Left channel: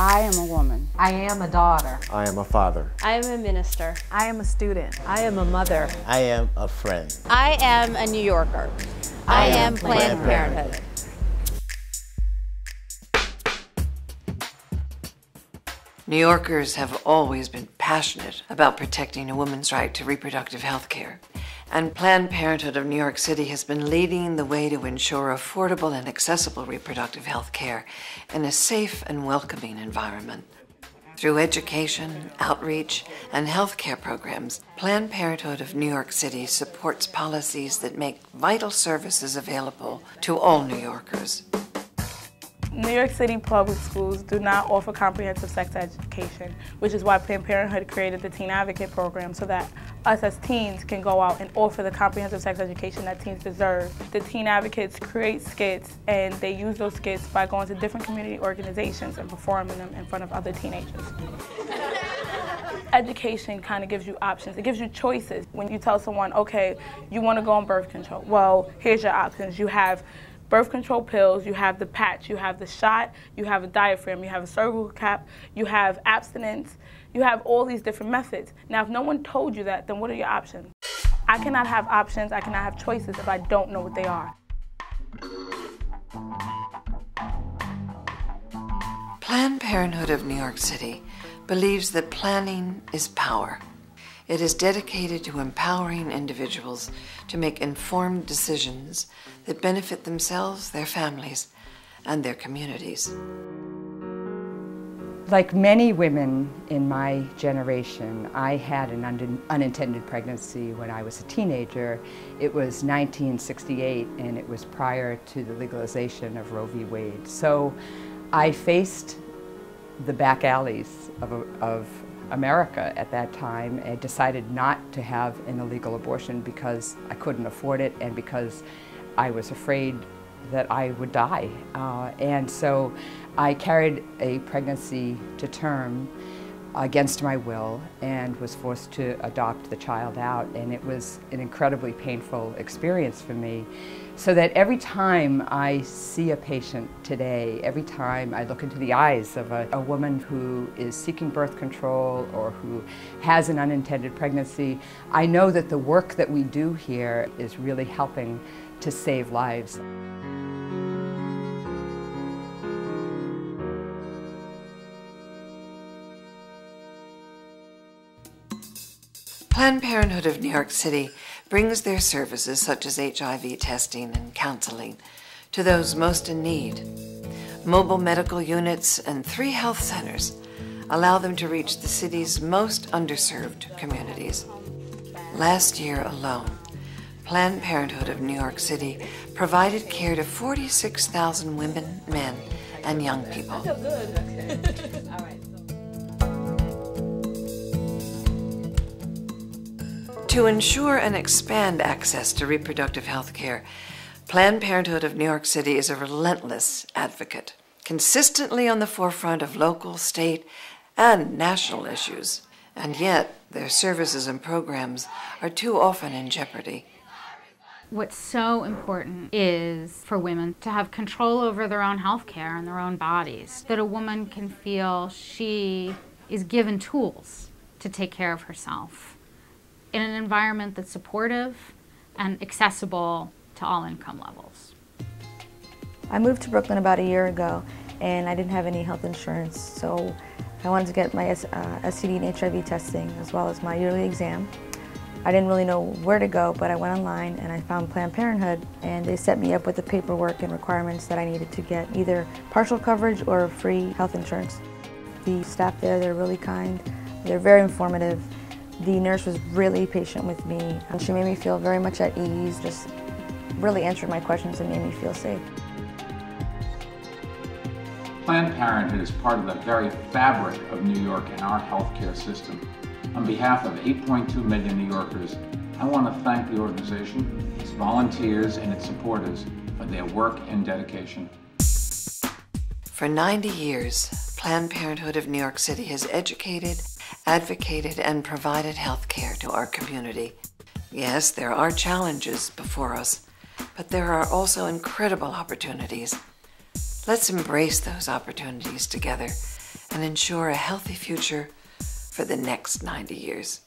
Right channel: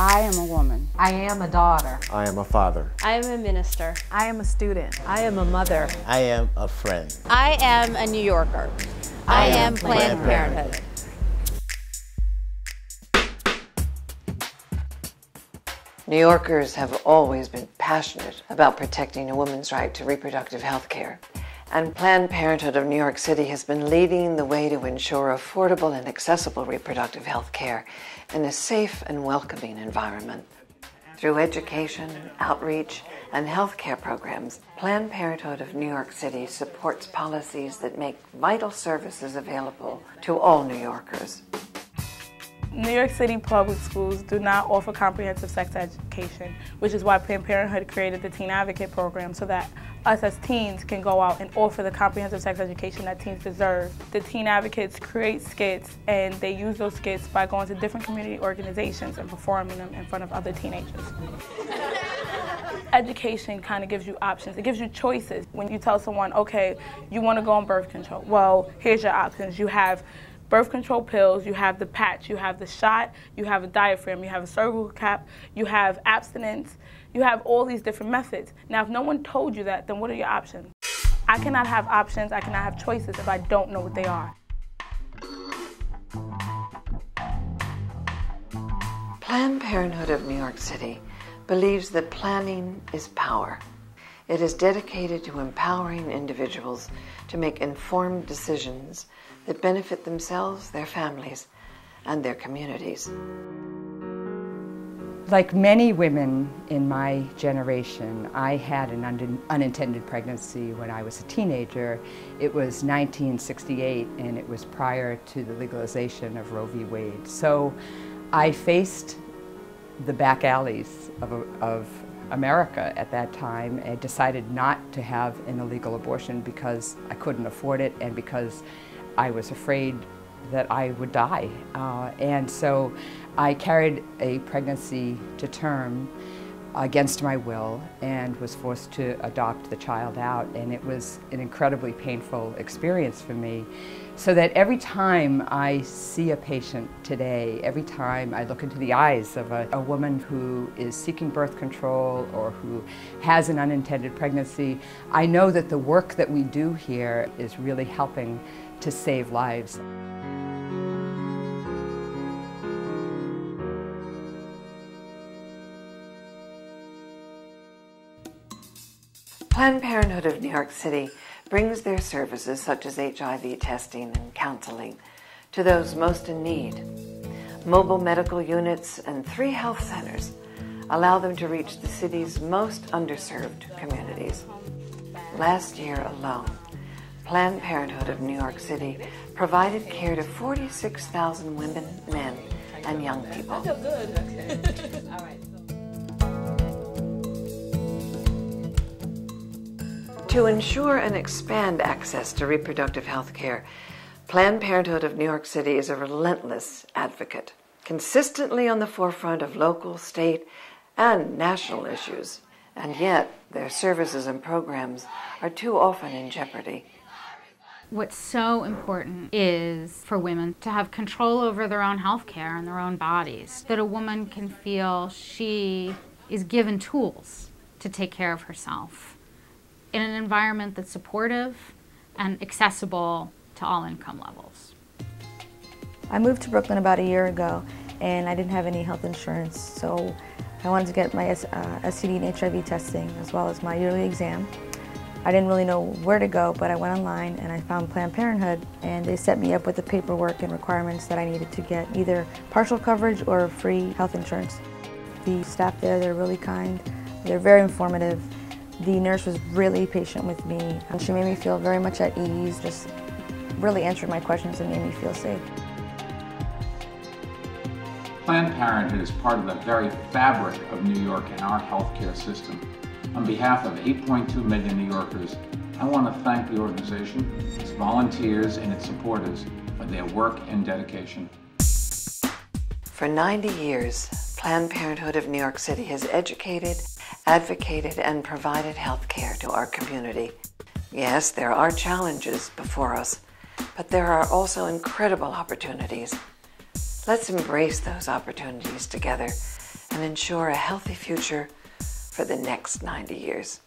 I am a woman. I am a daughter. I am a father. I am a minister. I am a student. I am a mother. I am a friend. I am a New Yorker. I am Planned Parenthood. New Yorkers have always been passionate about protecting a woman's right to reproductive health care. And Planned Parenthood of New York City has been leading the way to ensure affordable and accessible reproductive health care in a safe and welcoming environment. Through education, outreach, and health care programs, Planned Parenthood of New York City supports policies that make vital services available to all New Yorkers. New York City public schools do not offer comprehensive sex education, which is why Planned Parenthood created the Teen Advocate program so that us as teens can go out and offer the comprehensive sex education that teens deserve. The Teen Advocates create skits, and they use those skits by going to different community organizations and performing them in front of other teenagers. Education kind of gives you options. It gives you choices. When you tell someone, okay, you want to go on birth control, well, here's your options. You have birth control pills, you have the patch, you have the shot, you have a diaphragm, you have a cervical cap, you have abstinence, you have all these different methods. Now, if no one told you that, then what are your options? I cannot have options, I cannot have choices if I don't know what they are. Planned Parenthood of New York City believes that planning is power. It is dedicated to empowering individuals to make informed decisions that benefit themselves, their families, and their communities. Like many women in my generation, I had an unintended pregnancy when I was a teenager. It was 1968, and it was prior to the legalization of Roe v. Wade. So I faced the back alleys of America at that time and decided not to have an illegal abortion because I couldn't afford it and because I was afraid that I would die. And so I carried a pregnancy to term against my will and was forced to adopt the child out, and it was an incredibly painful experience for me. So that every time I see a patient today, every time I look into the eyes of a woman who is seeking birth control or who has an unintended pregnancy, I know that the work that we do here is really helping to save lives. Planned Parenthood of New York City brings their services such as HIV testing and counseling to those most in need. Mobile medical units and 3 health centers allow them to reach the city's most underserved communities. Last year alone, Planned Parenthood of New York City provided care to 46,000 women, men, and young people. I feel good. All right. To ensure and expand access to reproductive health care, Planned Parenthood of New York City is a relentless advocate, consistently on the forefront of local, state, and national issues. And yet, their services and programs are too often in jeopardy. What's so important is for women to have control over their own health care and their own bodies, that a woman can feel she is given tools to take care of herself in an environment that's supportive and accessible to all income levels. I moved to Brooklyn about a year ago, and I didn't have any health insurance, so I wanted to get my STD and HIV testing as well as my yearly exam. I didn't really know where to go, but I went online and I found Planned Parenthood, and they set me up with the paperwork and requirements that I needed to get either partial coverage or free health insurance. The staff there, they're really kind, they're very informative. The nurse was really patient with me, and she made me feel very much at ease, just really answered my questions and made me feel safe. Planned Parenthood is part of the very fabric of New York and our healthcare system. On behalf of 8.2 million New Yorkers, I want to thank the organization, its volunteers, and its supporters for their work and dedication. For 90 years, Planned Parenthood of New York City has educated, advocated, and provided health care to our community. Yes, there are challenges before us, but there are also incredible opportunities. Let's embrace those opportunities together and ensure a healthy future for the next 90 years.